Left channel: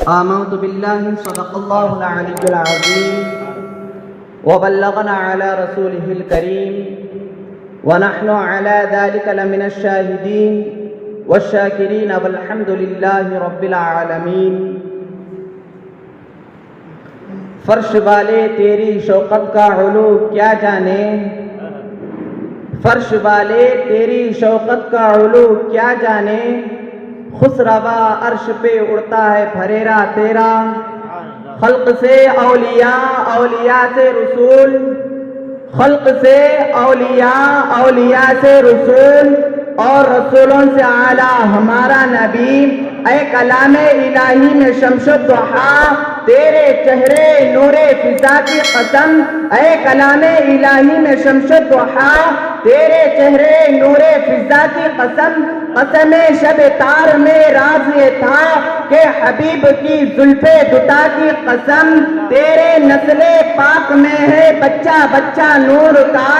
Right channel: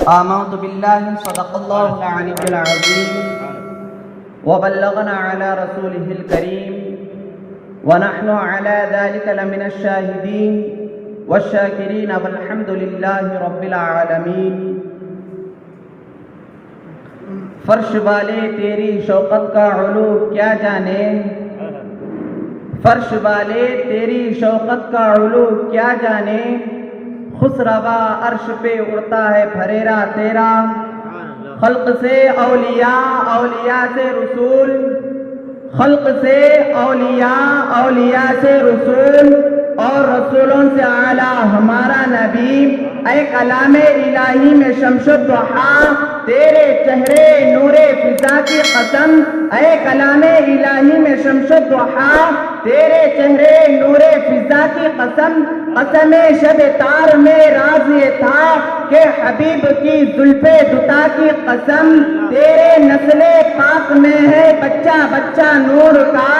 آمنت بالله صدق الله العلي العظيم وبلغنا على رسوله الكريم ونحن على ذلك لمن الشاهدين والشاكرين والحمد لله رب العالمين۔ فرش والے تیری شوقت کا علو کیا جانے، فرش والے تیری شوقت کا علو کیا جانے، خسروا عرش پہ اڑتا ہے پھریرا تیرا، خلق سے اولیاء، اولیاء سے رسول، خلق سے اولیاء، اولیاء سے رسول، اور رسولوں سے اعلیٰ ہمارا نبی۔ اے کلام الہی میں شمس الضحیٰ تیرے چہرے نور فضا کی قسم، اے کلام الہی میں شمس الضحیٰ تیرے چہرے نور فضا کی قسم، قسم شب تار میں راز یہ تھا کہ حبیب کی زلف دتا کی قسم، تیرے نسل پاک میں ہے بچہ بچہ نور کا،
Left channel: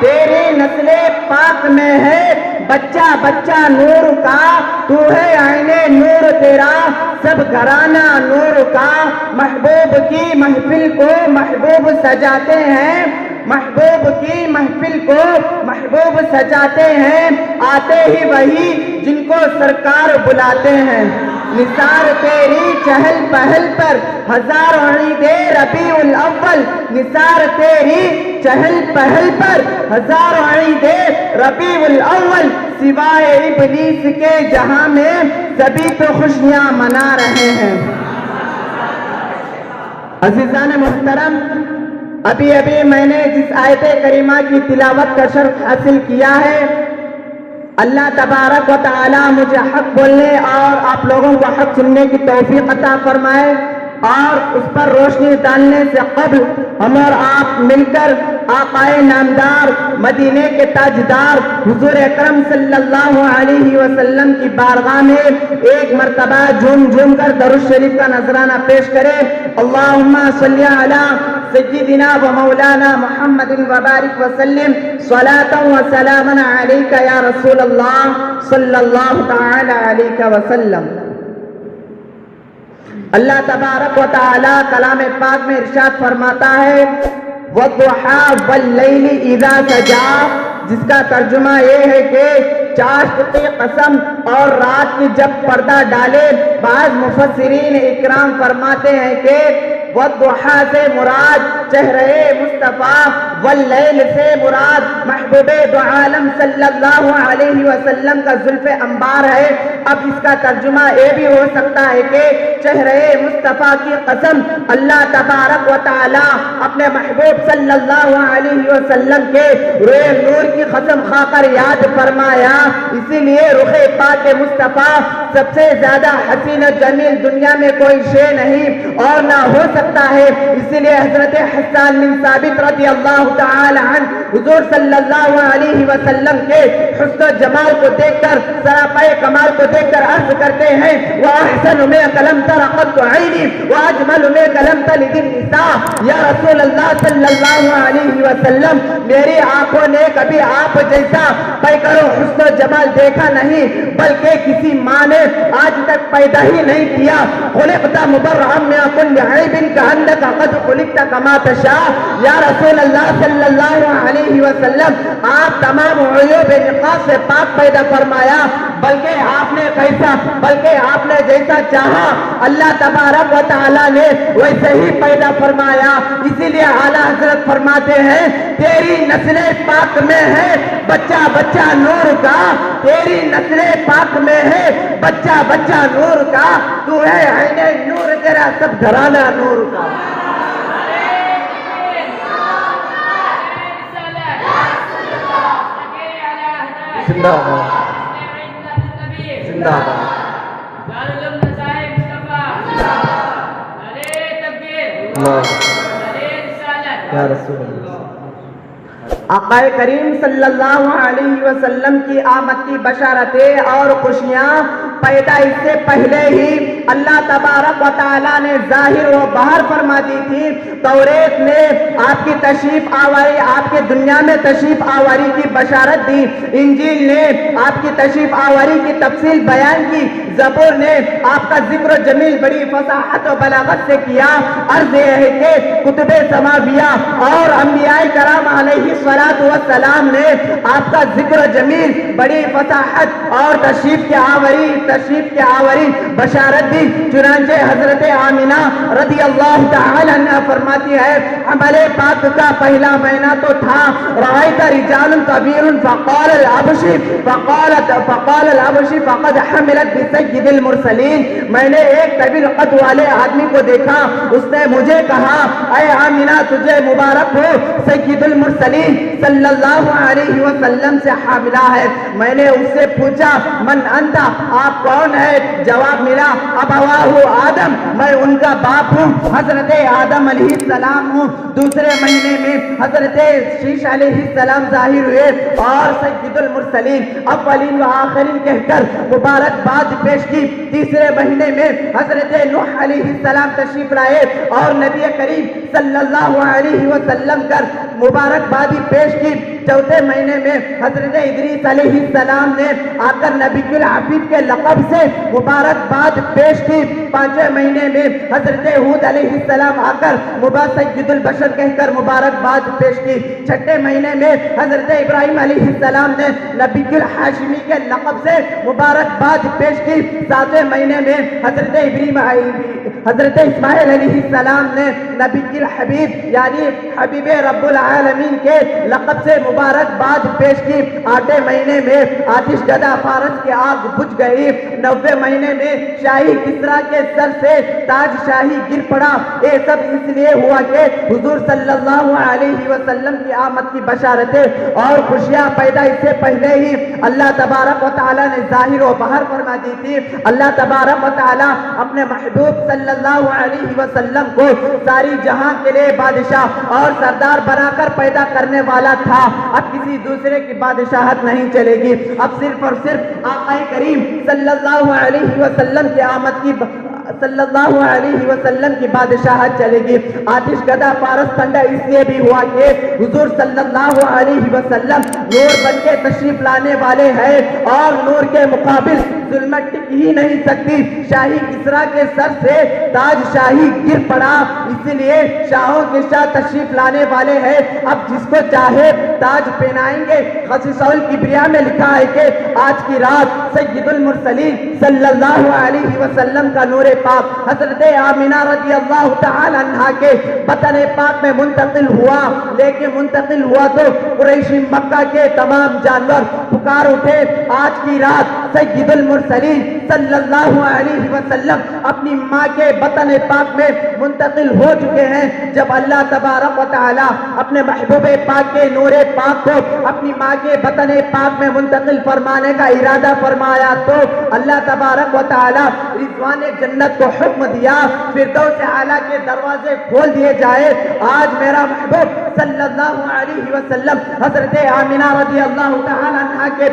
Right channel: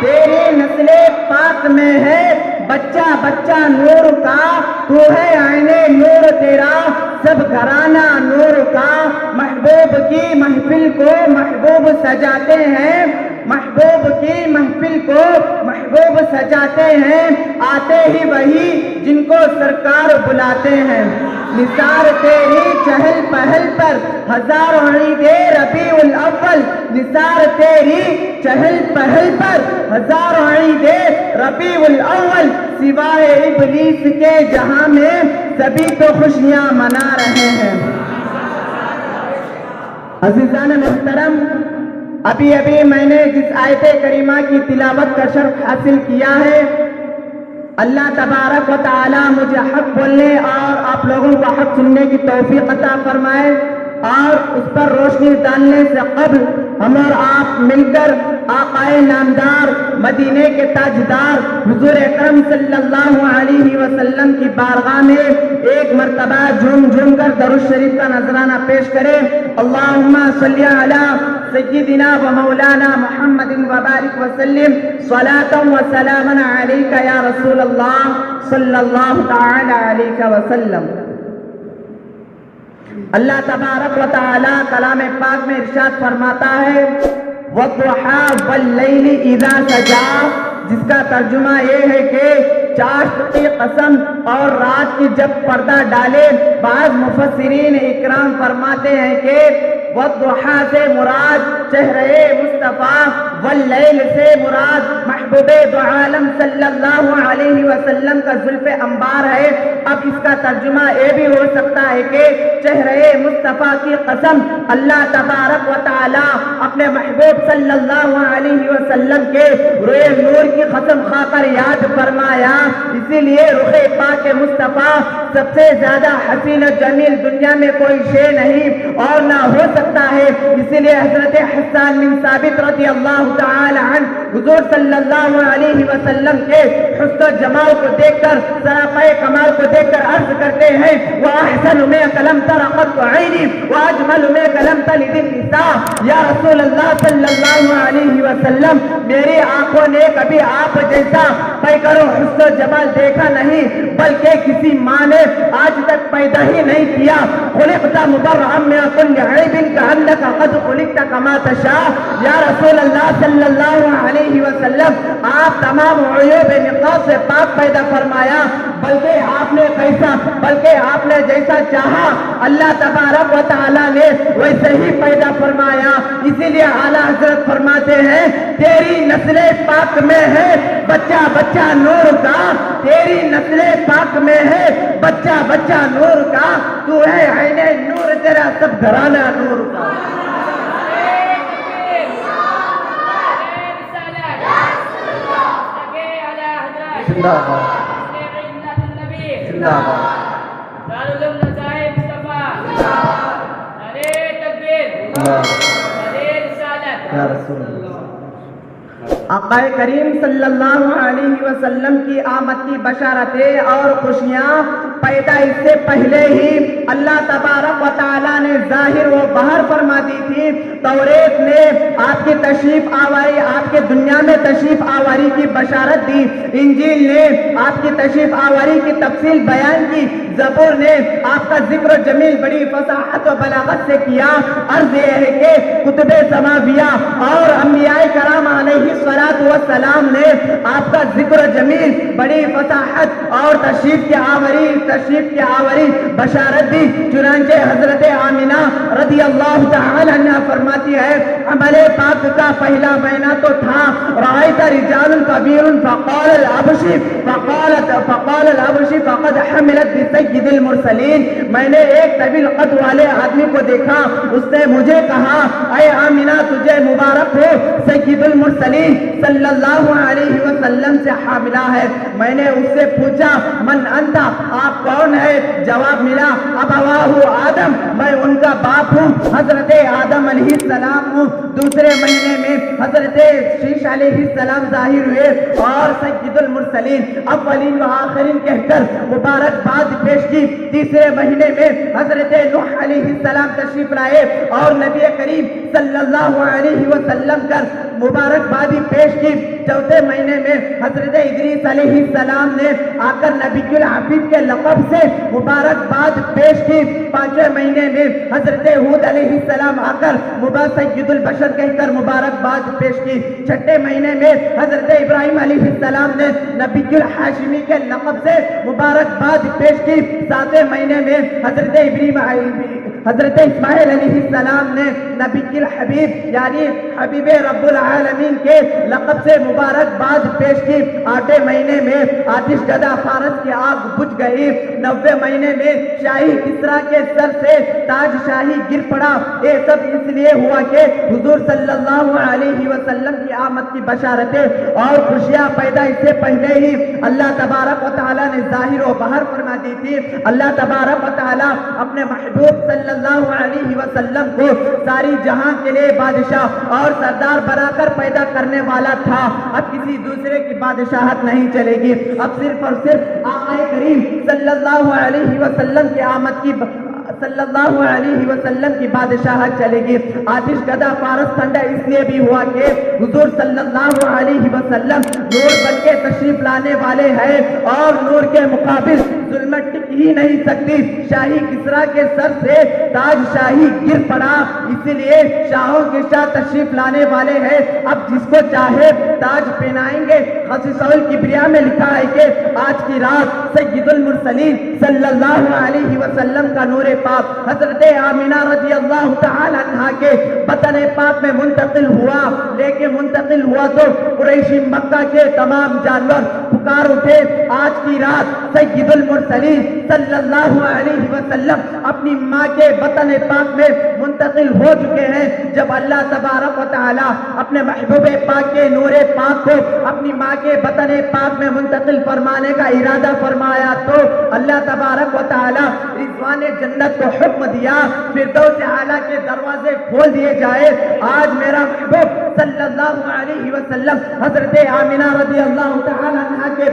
تیرے نسل پاک میں ہے بچہ بچہ نور کا، تو ہے عین نور تیرا سب گھرانہ نور کا۔ محبوب کی محفل کو محبوب سجاتے ہیں، محبوب کی محفل کو محبوب سجاتے ہیں، آتے ہی وہی جن کو سرکار بلاتے ہیں۔ نثار تیری چہل پہل پر ہزاروں عید ربیع الاول، نثار تیری چہل پہل پر ہزاروں عید ربیع الاول، سوائے ابلیس کے جہاں میں سبھی تو خوشیاں منا رہے ہیں۔ عزیزان محترم، ابھی میں نے جس آیت کریمہ کی تلاوت کا شرف حاصل کیا ہے، اللہ تبارک و تعالی مجھے حق بولنے اور آپ لوگوں کو حق سننے کی توفیق عطا فرمائے، اور اس پر روشنی ڈالنے سے قبل ہم اور آپ مل کر آقائے نامدار مدینے کے تاجدار حضور اکرم صلی اللہ علیہ وسلم کی بارگاہ میں ایک مرتبہ جھوم جھوم کر درود شریف کا نذرانہ پیش کریں۔ اللہم صلی علی سیدنا و مولانا محمد وبارک وسلم، صلاۃ و سلاما علیک یا رسول اللہ صلی اللہ تعالی علیہ وسلم۔ اللہ تبارک و تعالی کلام پاک میں ارشاد فرماتا ہے وَالضُّحَىٰ وَاللَّيْلِ إِذَا سَجَىٰ، جس کا ترجمہ یہ ہے کہ چاشت کی قسم اور رات کی جب پردہ ڈالے۔ بعض مفسرین اکرام فرماتے ہیں کہ وَالضُّحَىٰ سے مراد چہرے مصطفیٰ، واللیل سے مراد محبوب دو عالم صلی اللہ علیہ وسلم کا زلف انبار ہے۔ اب اس کا ترجمہ یہ بھی ہو سکتا ہے کہ چہرے مصطفیٰ کی قسم، اللہ تبارک و تعالی اپنے محبوب صلی اللہ علیہ وسلم کے روئے نور کی قسم کھا کر یاد فرمایا، اسی لیے رخ پاک مصطفیٰ سب سے زیادہ حسین و جمیل دنیا میں کوئی شے نہیں اور نہ ہو سکتا ہے۔ اسی لیے حضرت حسان بن ثابت رضی اللہ تعالی عنہ حضور صلی اللہ علیہ وسلم کے حسن و جمال کو دیکھ کر، سراپائے کمال کو دیکھ کر عرض کرتے ہیں وَأَحْسَنُ مِنْكَ لَمْ تَرَ قَطُّ عَيْنِي وَأَجْمَلُ مِنْكَ لَمْ تَلِدِ النِّسَاءُ، یا رسول اللہ صلی اللہ علیہ وسلم، میری آنکھوں نے کبھی آپ جیسا پیکر و حسن و جمال دیکھا نہیں، بلکہ کسی ماں نے آج تک پیدا ہی نہیں کیا۔ خلقت مبرئا من كل عیب كأنك قد خلقت كما تشاء، یا رسول اللہ صلی اللہ علیہ وسلم، آپ تمام عیوب نقاص سے پاک پیدا فرمایا، بلکہ آپ نے جیسا چاہا اللہ تبارک و تعالی نے ویسے ہی پیدا فرمایا۔ اسی لیے اعلیٰ حضرت فرماتے ہیں تیری نسل پاک میں ہے بچہ بچہ نور کا، تیری نسل پاک میں ہے بچہ بچہ نور کا، تو ہے عین نور تیرا سب گھرانہ نور کا۔ زندہ باد، زندہ باد، یا رسول اللہ۔ آقا کریم صلی اللہ علیہ وسلم کی آمد کی بشارتیں اور خوشیاں پیدا اس سے پہلے ہی اللہ تبارک و تعالیٰ نے ظاہر و باہر فرما دی تھی۔ توریت نے آپ کی تشریف آوری، آپ کے دنیا میں تشریف آوری کی بشارت دی، انجیل نے آپ کی تشریف آوری کی تفصیل بیان کی، زبور نے آپ کا ذکر جمیل بڑی فصاحت و بلاغت سے کیا. عرض یہ ہے کہ کتب سماویہ اور انبیاء کرام علیہ الصلوۃ والسلام نے آپ کا ذکر جمیل بڑی فصاحت اور تشریف کی آوری بشارت دی. چنانچہ حضرت آمنہ رضی اللہ تعالی عنہ فرماتی ہے عمل پاک کا پہلا مہینہ تو تھا. رأیت رجال کبیر فقال العبشی فقد حملت بسید المرسلین. میں نے ایک طویل قد والے آدمی کو دیکھا, اس نے مجھے کہا اے آمنہ تجھے مبارک ہو, سید المرسلین صلی اللہ علیہ وسلم سے حاملہ ہے. میں نے اس سے پوچھا من انت, آپ کون ہے؟ جواب ملا ابواہ آدم, میں ان کا باپ ہوں, حضرت آدم علیہ السلام ہوں. دوسرے مہینے میں حضرت شیش علیہ السلام ظاہر ہوئے اور سید المرسلین اولین و آخرین کہہ کر مبارکباد پیش کی. تیسرے مہینے میں حضرت نوح علیہ السلام تشریف لائے اور نبی کریم صلی اللہ علیہ وسلم کر مبارکبادی پیش کی. چوتھے مہینے میں حضرت ادریس علیہ السلام نے آ کر نبی الحفیظ کے لقب سے مبارکباد پیش کی. پانچویں مہینے میں حضرت ہود علیہ السلام آ کر سید البشر کہہ کر مبارکباد پیش کی. چھٹے مہینے میں حضرت ابراہیم علیہ السلام نے نبی الحاشمی کے لقب سے مبارکباد پیش کی. ساتویں مہینے میں حضرت اسماعیل علیہ السلام نے نبی الحبیب یعنی حبیب رب العالمین کے لقب سے مبارکباد پیش کی. آٹھویں مہینے میں آتش گدا فارس کی آگ بجھ گئی. نویں مہینے میں شاہی کسریٰ کے سر سے تاج شاہی گر پڑا. یہ سب اس لیے ہوا کہ حضور صلی اللہ علیہ وسلم کی آمد کی بشارتیں اور خوشیاں پیدا اس سے پہلے ہی اللہ تبارک و تعالیٰ نے ظاہر و باہر فرما دی تھی. اللہ تبارک و تعالیٰ اپنے محبوب صلی اللہ علیہ وسلم کو ساری جہاں کے لیے بادشاہ اور سردار بنا کر پیدا کرنے والا تھا. اب کسی دوسرے کی بادشاہت نہیں چلے گی, اب صرف اور صرف آقا کریم صلی اللہ علیہ وسلم کی آمد کی صلی اللہ علیہ وسلم کی بادشاہت چلے گی. آتش گدا فارس ٹھنڈا اس لیے بھی ہوا کہ حضور صلی اللہ علیہ وسلم نور بن کے تشریف لانے والے ہیں اور نور کے مقابل ظلمت ٹک ہی نہیں سکتی. شاہی کسریٰ کے سر سے تاج شاہی گر پڑا, اسی لیے شاہوں کے شاہ تشریف لانے والے ہیں. اب جس کو چاہے تاج پہنائیں گے. خصیصہ الکبریاء میں لکھا ہے کہ آج کی رات سید المرسلین صلی اللہ علیہ وسلم کا نور پاک حضرت آمنہ رضی اللہ تعالی عنہ کے بطن پاک میں منتقل ہوا. لیکن منتقل ہوا تو قریشی مکہ کے تمام جانور پکار اٹھے, آج کی رات سید المرسلین صلی اللہ علیہ وسلم اپنی ماں کے بطن پاک میں منتقل ہو چکے ہیں. جب اللہ تبارک و تعالی اپنے محبوب پاک کے نور پاک کو اپنی ماں کے بطن پاک میں منتقل فرمانے کا ارادہ فرمایا تو اللہ تبارک و تعالی رضوان جنت کو حکم دیا فردوس اعلیٰ کے دروازے کھول دیے جائے. آج میرا محبوب صلی اللہ علیہ وسلم حضرت آمنہ رضی اللہ تعالی عنہ کے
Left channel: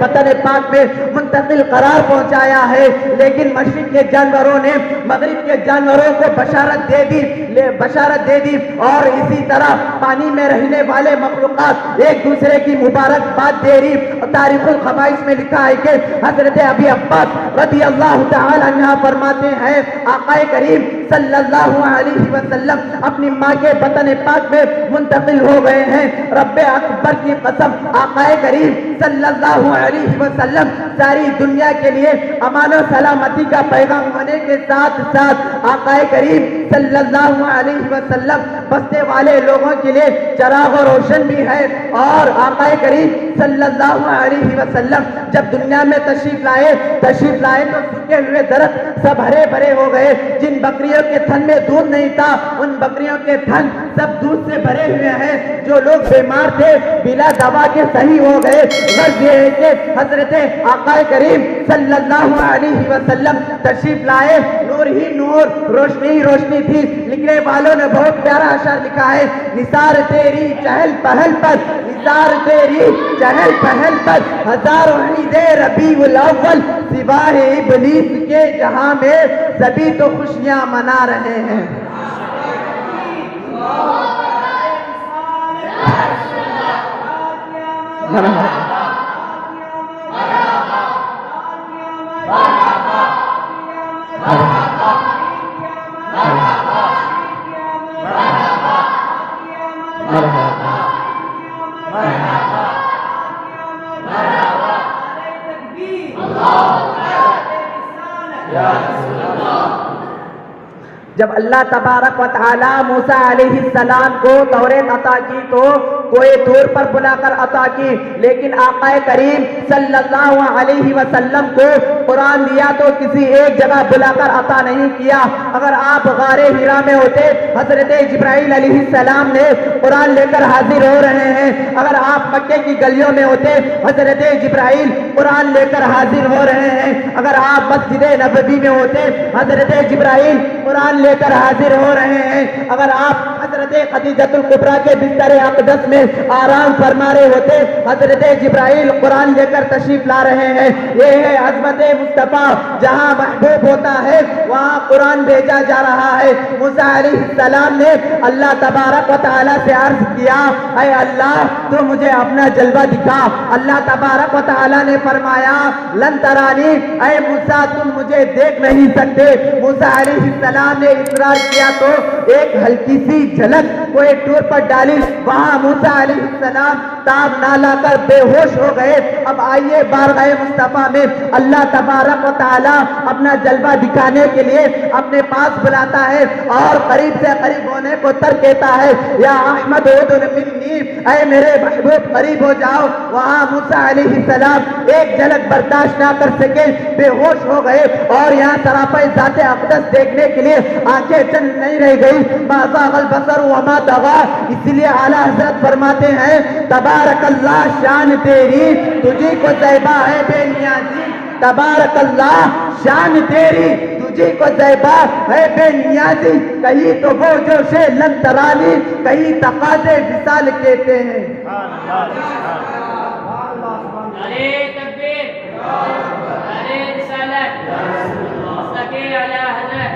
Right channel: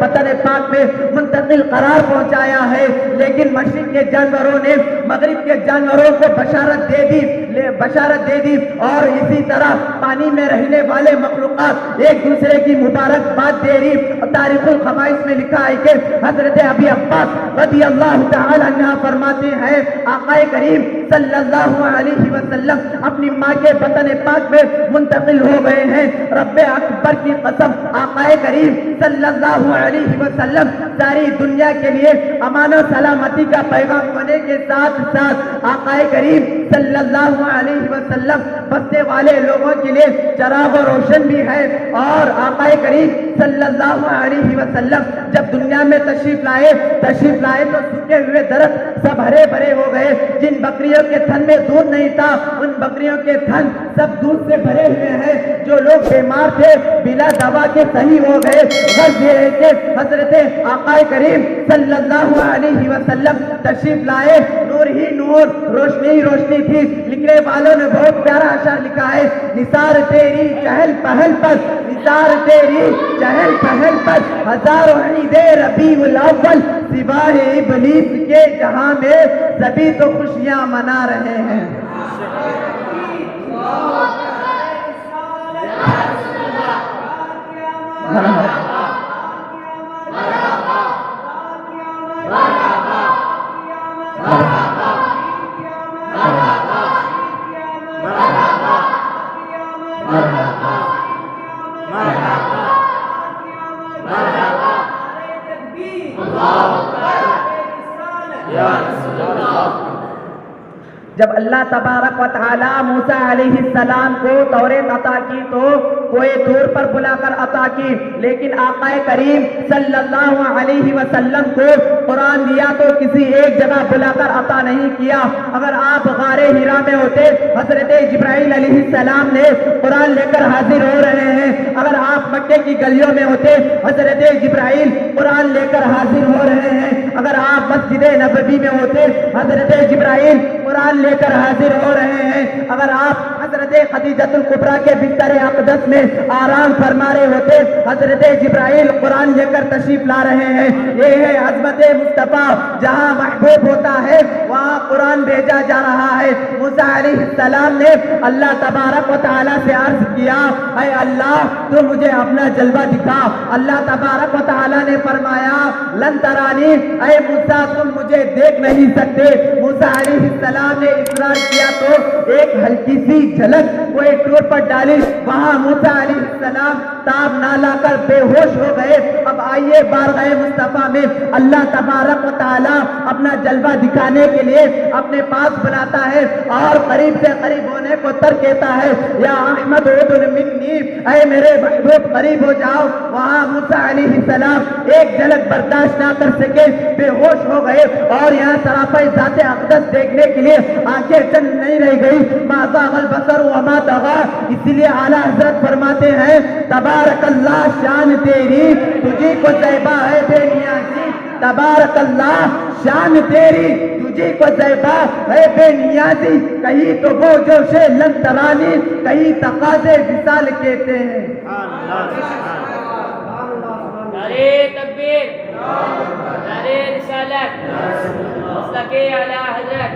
بطن پاک میں منتقل قرار پہنچایا ہے. لیکن مشرق کے جانوروں نے مغرب کے جانوروں کو بشارت دے دی اور اسی طرح پانی میں رہنے والے مخلوقات ایک دوسرے کی مبارکباد دے رہی. تاریخ الخبائث میں لکھا ہے کہ حضرت ابی عباس رضی اللہ تعالی عنہ فرماتے ہیں آقا کریم صلی اللہ علیہ وسلم اپنی ماں کے بطن پاک میں منتقل ہو گئے ہیں. رب اکبر کی قسم آقا کریم صلی اللہ علیہ وسلم ساری دنیا کے لیے امان و سلامتی کا پیغام ہونے کے ساتھ ساتھ آقا کریم صلی اللہ علیہ وسلم بسنے والے لوگوں کے لیے چراغ و روشن بھی ہے. اور آقا کریم صلی اللہ علیہ وسلم جب دنیا میں تشریف لائے تو سوکھے ہوئے درخت سب ہرے بھرے ہو گئے. جن بکریوں کے تھن میں دودھ نہیں تھا ان بکریوں کے تھن سب دودھ سے بھرے ہوئے ہیں. جو لوگ بیمار تھے بلا دوا کے صحیح ہو گئے. غرض یہ ہے کہ حضرت آقا کریم صلی اللہ علیہ وسلم تشریف لائے, نور ہی نور, روشنی ہی روشنی تھی. لکھنے والوں نے بہت پیارا اشعار لکھا ہے نثار تیری چہل پہل پر, نثار تیری چہل پہل پر ہزار امیدیں ربیع الاول, سوائے ابلیس کے جہاں میں سبھی تو خوشیاں منا رہے ہیں. جب اللہ تبارک و تعالی موسیٰ علیہ السلام کو توریت عطا کی تو کوئی دور پر بلا کر عطا کی، لیکن آقا کریم صلی اللہ علیہ وسلم کو قرآن دیا تو کسی ایک جگہ بلا کر عطا نہیں کیا۔ اگر آپ غار حرا میں ہوتے، حضرت جبرائیل علیہ السلام نے قرآن لے کر حاضر ہو رہے ہیں۔ اگر آپ مکے کی گلیوں میں ہوتے، حضرت جبرائیل قرآن لے کر حاضر ہو رہے ہیں۔ اگر آپ مسجد نبوی میں ہوتے، حضرت جبرائیل قرآن لے کر حاضر ہو رہے ہیں۔ اگر آپ حضرت خدیجۃ الکبریٰ کے بستر اقدس میں آرام فرما رہے ہوتے، حضرت جبرائیل قرآن لے کر تشریف لا رہے ہیں۔ یہ ہے عظمت مصطفیٰ، جہاں محبوب ہوتا ہے وہاں قرآن بھیجا جا رہا ہے۔ موسیٰ علیہ السلام نے اللہ تبارک و تعالیٰ سے عرض کیا، اے اللہ تو مجھے اپنا جلوہ دکھا۔ اللہ تبارک و تعالیٰ نے فرمایا، لن ترانی، اے موسیٰ تم مجھے دیکھ نہیں سکتے۔ موسیٰ علیہ السلام نے اصرار کیا تو ایک ہلکی سی جھلک کو ایک ٹور پر ڈالی، وہاں موسیٰ علیہ السلام تاب نہ لا کر بے ہوش ہو گئے۔ اب آئیے بارگاہ مصطفیٰ میں اللہ تبارک و تعالیٰ اپنا جلوہ دکھانے کے لیے اپنے پاس بلاتا ہے اور قریب سے قریب ہونے کو ترک دیتا ہے۔ یا احمد ادن منی، اے میرے محبوب قریب ہو جاؤ۔ وہاں موسیٰ علیہ السلام ایک جھلک برداشت نہ کر سکے، بے ہوش ہو گئے اور یہاں سراپائی ذات اقدس دیکھنے کے لیے آنکھیں چند نہیں رہ گئی۔ ما زاغ البصر وما طغى، اس لیے اعلیٰ حضرت فرماتے ہیں، تبارک اللہ شان تیری تجھے کو زیبا ہے بے نیازی۔ تبارک اللہ شان تیری تجھے کو زیبا ہے بے نیازی۔ کہیں تو وہ جو شے لن ترانی، کہیں تقاضے وصال کہتے ہیں۔ نعرہ تکبیر، نعرہ رسالت، مصطفی اعلیٰ حضرت۔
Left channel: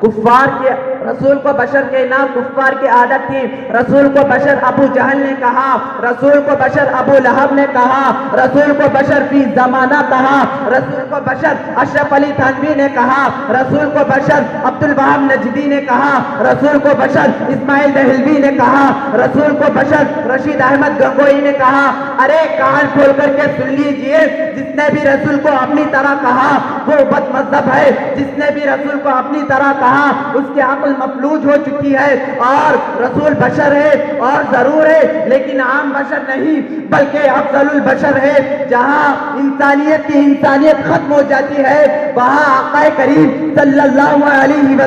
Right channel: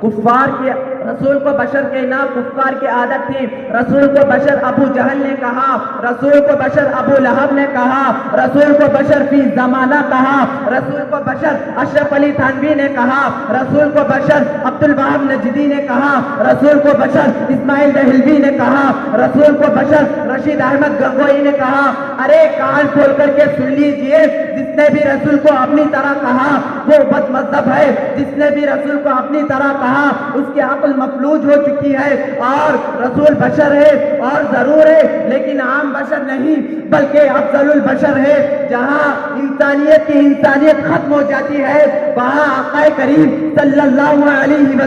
کفار کے رسول کو بشر کے نام کفار کی عادت تھی۔ رسول کو بشر ابو جہل نے کہا، رسول کو بشر ابو لہب نے کہا، رسول کو بشر فی زمانہ کہا، رسول کو بشر اشرف علی تھانوی نے کہا، رسول کو بشر عبد الوہاب نجدی نے کہا، رسول کو بشر اسماعیل دہلوی نے کہا، رسول کو بشر رشید احمد گنگوئی نے کہا۔ ارے کان کھول کر کے سن لیجئے، جس نے بھی رسول کو اپنی طرح کہا وہ بد مذہب ہے، جس نے بھی رسول کو اپنی طرح کہا اس کی عقل مفلوج ہو چکی ہے۔ اور رسول بشر ہے اور ضرور ہے، لیکن عام بشر نہیں بلکہ افضل البشر ہے۔ جہاں انسانیت کی انسانیت ختم ہو جاتی ہے، وہاں آقا کریم صلی اللہ علیہ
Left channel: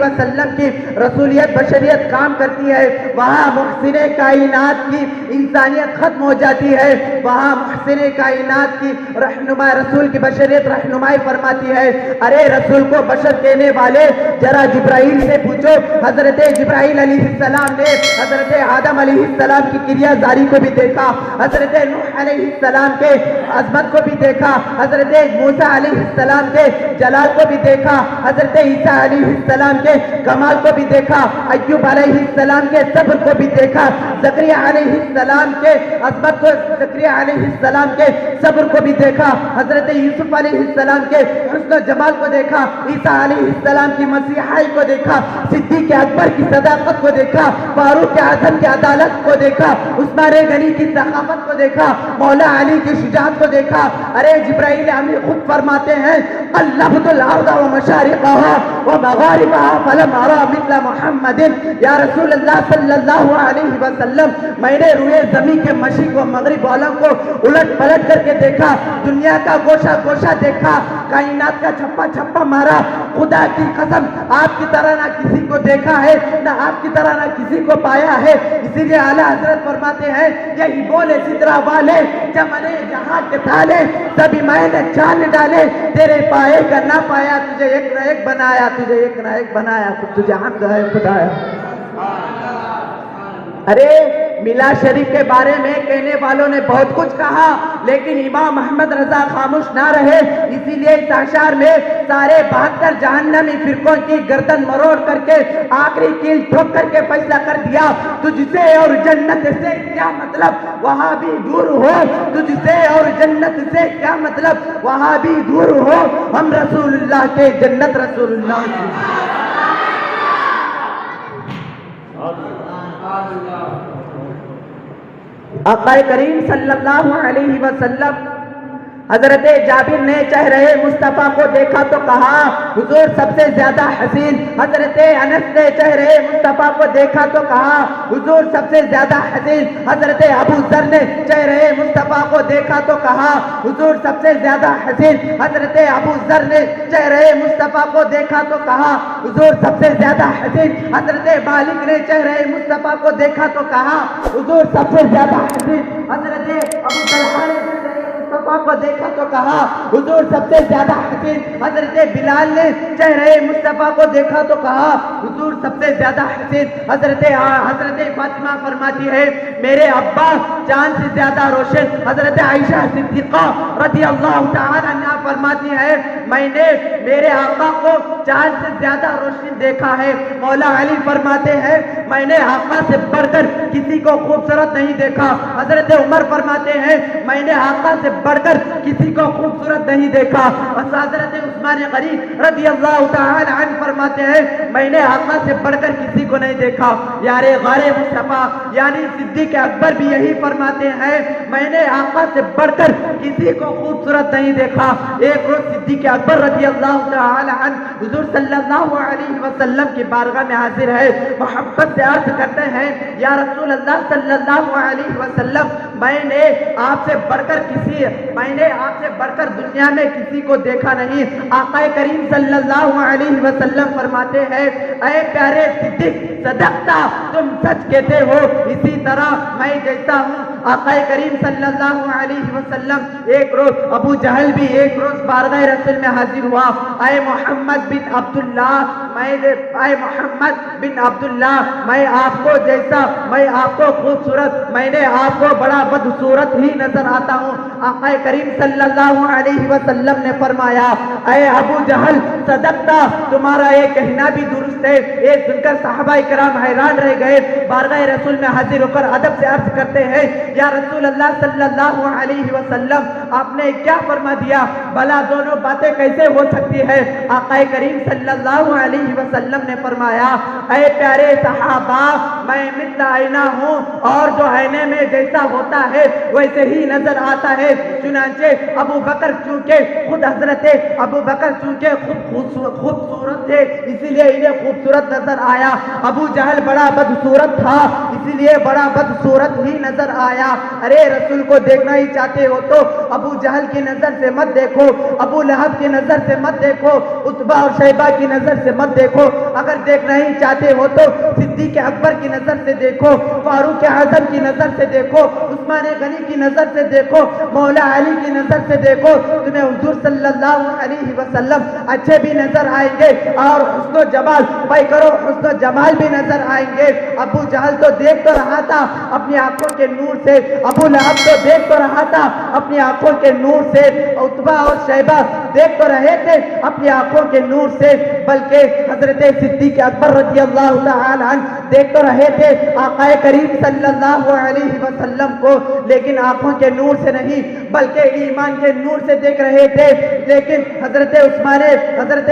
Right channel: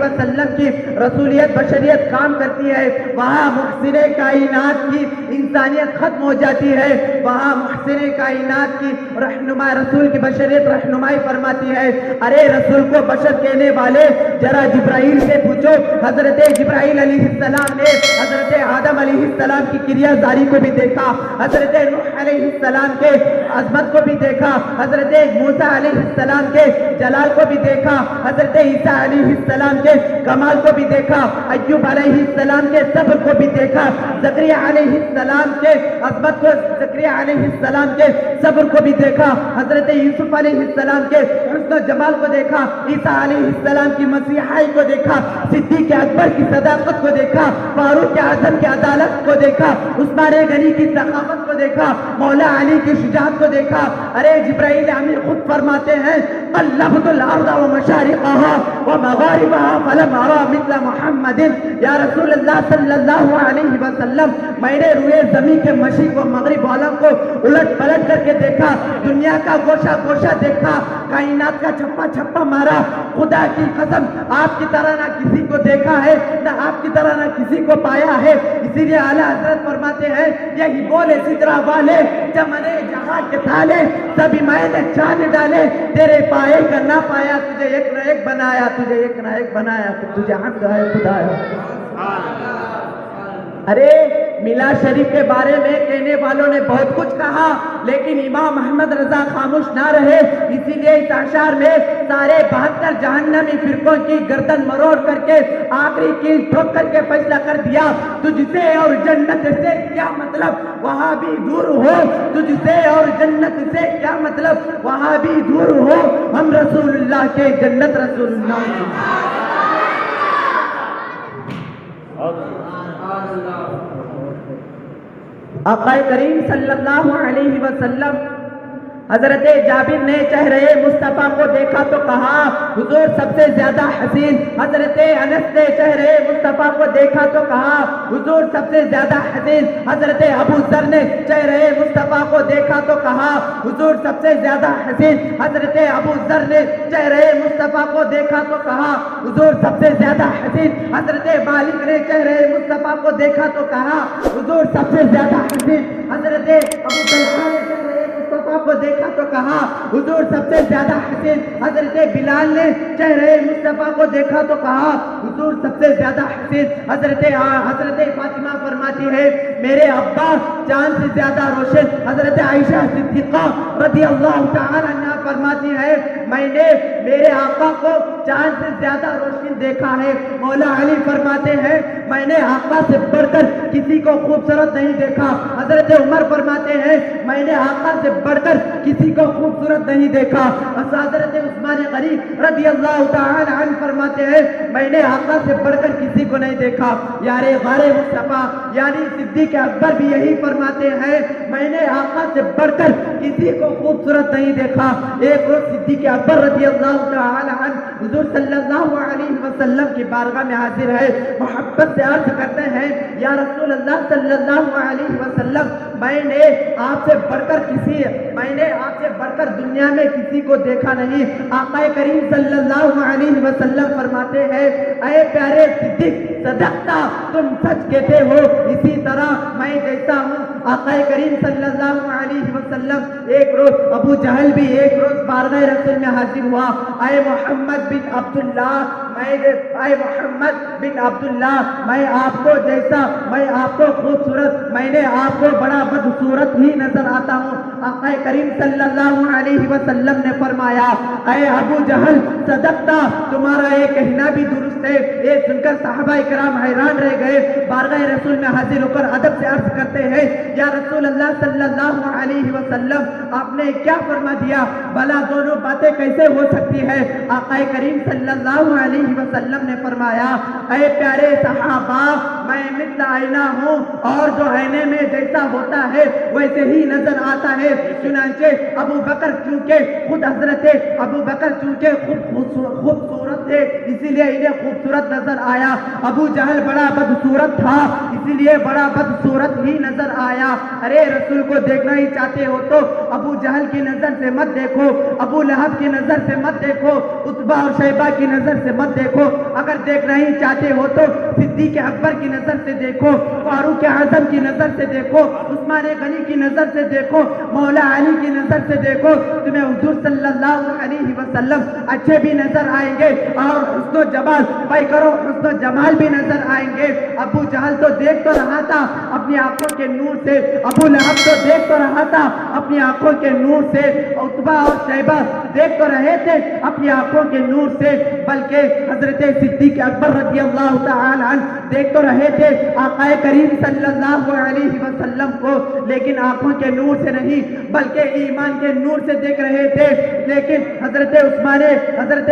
وسلم کی رسولیت بشریت کام کرتی ہے۔ وہاں محسن کائنات کی انسانیت ختم ہو جاتی ہے، وہاں محسن کائنات کی رہنما رسول کی بشریت رہنمائی فرماتی ہے۔ ارے رسول کو بشر کہنے والے ذرا جبرائیل سے پوچھو۔ حضرت جبرائیل علیہ السلام نے حضرت آدم علیہ السلام کی کریا داری کو بھی دیکھا، حضرت نوح علیہ السلام کے عظمت کو بھی دیکھا، حضرت موسیٰ علیہ السلام کے جلال کو بھی دیکھا، حضرت عیسیٰ علیہ السلام کے کمال کو بھی دیکھا، ایوب علیہ السلام کے صبر کو بھی دیکھا، زکریا علیہ السلام کے عظمت کو، زکریا علیہ السلام کے صبر کو بھی دیکھا، حضرت یوسف علیہ السلام کے حسن و جمال کو دیکھا، عیسیٰ علیہ السلام کی مسیحائی کو دیکھا، صدیق اکبر کی صداقت کو دیکھا، فاروق اعظم کی عدالت کو دیکھا، عثمان غنی کی ثقافت کو دیکھا، مولا علی کی شجاعت کو دیکھا۔ ارے جبرائیل امین خود فرماتے ہیں، قلبت الارض ومشارقها ومغاربها فلم ارى مثل محمد۔ یا رسول اللہ صلی اللہ علیہ وسلم، میں نے روئے زمین کے مشرق و مغرب والوں کو الٹ پلٹ کر کے دیکھا، دنیا کا گوشہ گوشہ دیکھا، کائنات کا چھپا چھپا مارا۔ خدا کی قسم آپ کی طرح نہ کسی کو دیکھا ہے، نہ آپ کی طرح نہ کسی کو پایا ہے۔ اسی لیے اعلیٰ حضرت فرماتے ہیں، یہی بولے سدرا والے چمنے جہاں کے تھالے، سبھی میں نے جان ڈالے، تیرے پائے کا نہ پایا، تجھے ایک نہ ایک بنایا، تجھے ایک نہ ایک بنایا، تجھے حق ہے خدا ہے۔ ارے میلاد شریف کے بارے میں کہنے والوں نے بہت کچھ کہا، لیکن امام محمد رضا خاموش نہ رہے۔ اسی لیے اس اشعار میں سارے 72 جہنمی فرقوں کی گردن مروڑ کر کے آخری کیل ٹھوک کر کے فیصلہ کر دیا، تجھ سے اور جنت سے کیا مطلب وہاں بھی دور ہو، تجھ سے اور جنت سے کیا مطلب وہاں بھی دور ہو، ہم رسول اللہ کے جنت رسول اللہ۔ آقا کریم صلی اللہ علیہ وسلم حضرت جابر نے چہرے مصطفیٰ کو دیکھا تو کہا حضور سب سے زیادہ حسین. حضرت انس نے چہرے مصطفیٰ کو دیکھا تو کہا حضور سب سے زیادہ حسین. حضرت ابو ذر نے چہرے مصطفیٰ کو دیکھا تو کہا حضور سب سے زیادہ حسین. حضرت ابو ذر نے چہرے مصطفیٰ کو دیکھا تو کہا حضور سب سے زیادہ حسین. حضرت مالک نے چہرے مصطفیٰ کو دیکھا تو کہا حضور سب سے زیادہ حسین. حضرت ابو طلحہ نے مصطفیٰ کو دیکھا تو کہا حضور سب سے زیادہ حسین. حضرت بلال نے چہرے مصطفیٰ کو دیکھا تو کہا حضور سب سے زیادہ حسین. حضرت فاطمہ فرماتی ہے میرے ابا چاند سے زیادہ روشن. حضرت عائشہ صدیقہ رضی اللہ تعالی عنہا فرماتی ہے میں نے میرے آقا کو چاند سے زیادہ روشن دیکھا ہے. مولا علی فرماتے ہیں میں نے آقا سے بڑھ کر کسی کو خوبصورت نہیں دیکھا. حضرت عمر فرماتے ہیں میں نے آقا سے بڑھ کر کسی کو خوبصورت نہیں دیکھا. اور حضرت عثمان غنی رضی اللہ تعالی عنہ فرماتے ہیں میں نے آقا سے بڑھ کر کسی کو نہیں دیکھا. یار غار مصطفیٰ یعنی صدیق اکبر بھی یہی فرماتے ہیں میں نے آقا سے بڑھ کر کسی کو خوبصورت نہیں دیکھا. ایک روز صدیق اکبر رضی اللہ تعالی عنہ حضور صلی اللہ علیہ وسلم کی بارگاہ میں حاضر ہے. محبت سے عرض کرتے ہیں یا رسول اللہ صلی اللہ علیہ وسلم میں نے آپ سے بڑھ کر دنیا میں کسی کو دیکھا نہیں. آقا کریم صلی اللہ علیہ وسلم فرماتے ہیں اے پیارے صدیق صدقتا تم سچ کہتے ہو اسی طرح میں جیسا ہوں. آقا کریم صلی اللہ علیہ وسلم ایک روز ابو جہل بھی ایک روز بارگاہ رسول میں حاضر ہوا. اے محمد بن عبداللہ میں آپ کو جیسا میں آپ کو خوبصورت میں نے آپ کو بڑا بدصورت ہی نظر آتا ہوں. آقا کریم صلی اللہ علیہ وسلم نے فرمایا اے ابو جہل صدقتا تمہارا یہ کہنا بھی درست ہے. یہ سن کر صحابہ کرام حیران رہ گئے. بارگاہ رسول میں حاضر ہو کر ادب سے عرض کرتے ہیں یا رسول اللہ صلی اللہ علیہ وسلم آپ نے کیا فرما دیا بھلا دونوں باتیں کیسے ہو سکتی ہے. آقا کریم صلی اللہ علیہ وسلم نے فرمایا اے پیارے صحابہ میں مثل آئینہ ہوں اور جو آئینے میں جیسا ہوتا ہے ویسے ہی نظر آتا ہے. چنانچہ ابو بکر چونکہ خود خوبصورت تھے اسی لیے انہیں خوبصورت نظر آیا. ابو جہل بڑا بدصورت تھا اسی لیے بڑا بدصورت ہی نظر آیا. ارے رسول کو دیکھنا ہی چاہتے ہو تو ابو جہل کی نظر سے مت دیکھو, ابو لہب کی نظر سے مت دیکھو, عتبہ اور شیبہ کی نظر سے مت دیکھو. اگر دیکھنا ہی چاہتے ہو تو صدیق اکبر کی نظر سے دیکھو, فاروق اعظم کی نظر سے دیکھو, عثمان غنی کی نظر سے دیکھو, مولا علی کی نظر سے دیکھو. تمہیں حضور صلی اللہ علیہ وسلم اچھے بھی نظر آئیں گے اور حسن و جمال حسن و جمال بھی نظر آئیں گے. ابو جہل تو دیکھ تو رہا تھا اپنی آنکھوں کے نور سے, ابو لہب تو دیکھ تو رہا تھا اپنی آنکھوں کے نور سے, عتبہ اور شیبہ دیکھ تو رہے تھے اپنی آنکھوں کے نور سے, بلکہ حضرت صدیق اکبر رضی اللہ تعالی عنہ دیکھ تو رہے تھے آقا کریم صلی اللہ علیہ وسلم کو, لیکن آنکھوں کے نور سے نہیں بلکہ ایمان کے نور سے دیکھ رہے تھے. لیکن حضرت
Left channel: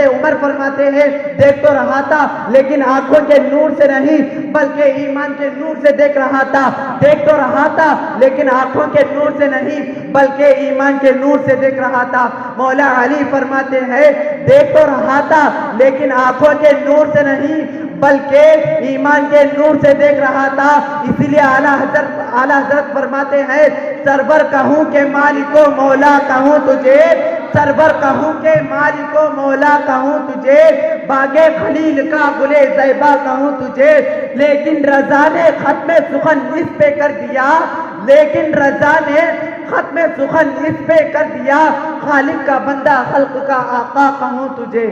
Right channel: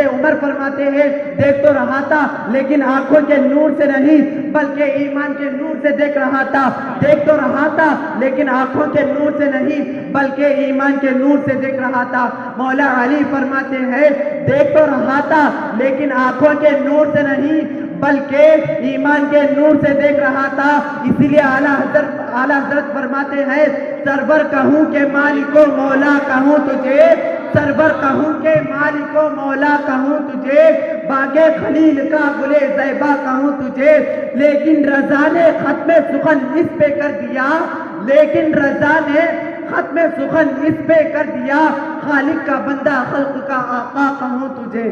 عمر فرماتے ہیں دیکھ تو رہا تھا لیکن آنکھوں کے نور سے نہیں بلکہ ایمان کے نور سے دیکھ رہا تھا. دیکھ تو رہا تھا لیکن آنکھوں کے نور سے نہیں بلکہ ایمان کے نور سے دیکھ رہا تھا. مولا علی فرماتے ہیں دیکھ تو رہا تھا لیکن آنکھوں کے نور سے نہیں بلکہ ایمان کے نور سے دیکھ رہا تھا. اسی لیے اعلیٰ حضرت فرماتے ہیں سرور کہوں کہ مالک و مولا کہوں تجھے, سرور کہوں کہ مالک و مولا کہوں تجھے, باغ خلیل کا گلے زیبا کہوں تجھے, لیکن رضا نے ختم سخن اس پہ کر دیا, لیکن رضا نے ختم سخن اس پہ کر دیا, خالق کا بندہ خلق کا آقا کہوں تجھے.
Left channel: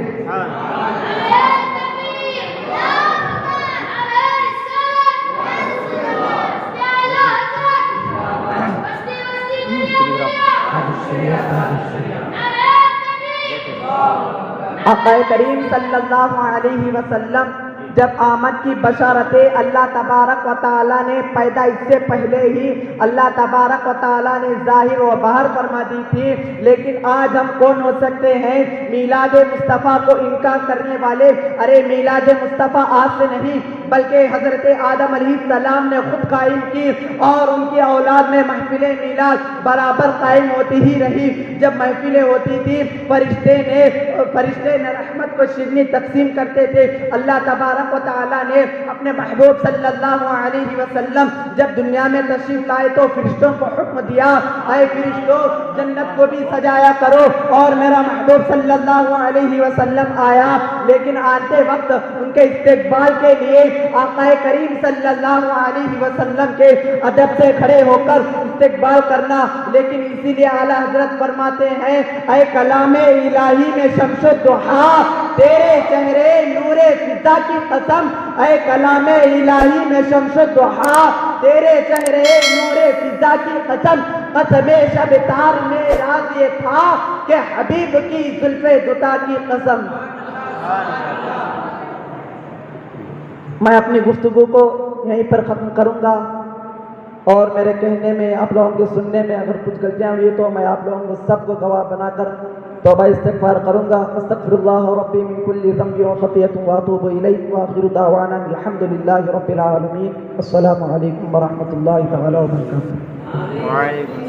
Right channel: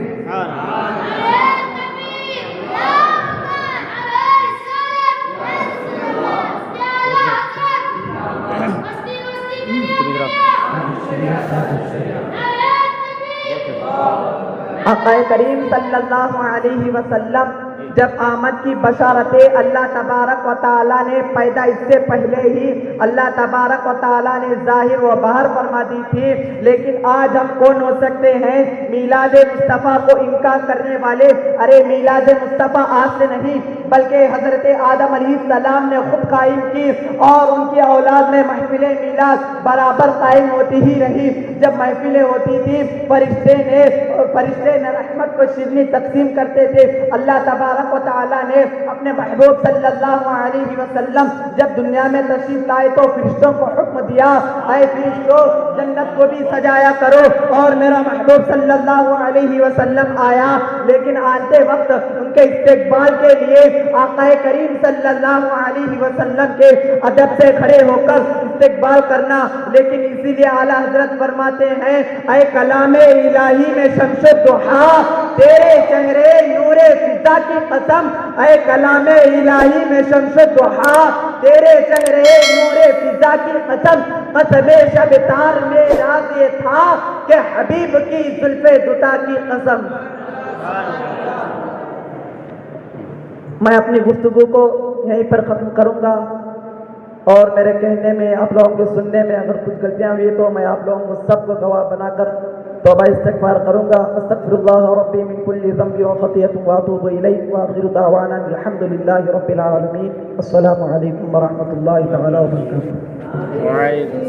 آقا کریم صلی اللہ علیہ وسلم جب آمد کی بشارتیں اللہ تبارک و تعالیٰ نے پیدا اس سے پہلے ہی اللہ تبارک و تعالیٰ نے ظاہر و باہر فرما دی تھی، لیکن آج ہم کون ہو سکتے ہیں میلاد مصطفیٰ کو انکار کرنے والے؟ ارے میلاد مصطفیٰ آج سے نہیں بلکہ حضرت آدم علیہ السلام نے خود قائم کی، اور ان کی اولاد میں محفل میلاد برابر قائم ہوتی ہی رہی۔ جب محفلیں ہوتی تھی فرشتے نے رحمت کو شیرنی تقسیم کرتے تھے۔ اللہ تبارک و تعالیٰ نے اپنے محبوب صلی اللہ علیہ وسلم جب دنیا میں تشریف لائے تو فرشتوں کو حکم دیا، اے فرشتوں جنت کو بھی سجایا کرو، اور میرا محبوب صلی اللہ علیہ وسلم آیا، لیکن آتے وقت ان کے استقبال کے لیے آقا کریم صلی اللہ علیہ وسلم کے ادب سے کھڑے ہو کر استقبال کرنا، لیکن اسی لیے اعلیٰ حضرت فرماتے ہیں اے کلام الہی میں شمس الضحیٰ تیرے چہرے نور فضا کی قسم، اے کلام الہی میں شمس الضحیٰ تیرے چہرے نور فضا کی قسم، قسم شب تار میں راز یہ تھا کہ حبیب کی زلف دوتا کی قسم۔ میں اپنی گفتگو کو یہیں پر ختم کروں گا، اور میرے کہنے میں آپ لوگوں کے سننے میں اگر کچھ غلطیاں ہوئی تو میں آپ لوگوں کو سب کو گواہ بنا کر توبہ استغفار کروں گا۔ استغفر اللہ ربی من کل ذنب وخطیۃ واتوب الیہ، وآخر دعوانا الحمد للہ رب العالمین۔ السلام علیکم ورحمۃ اللہ تعالی وبرکاتہ۔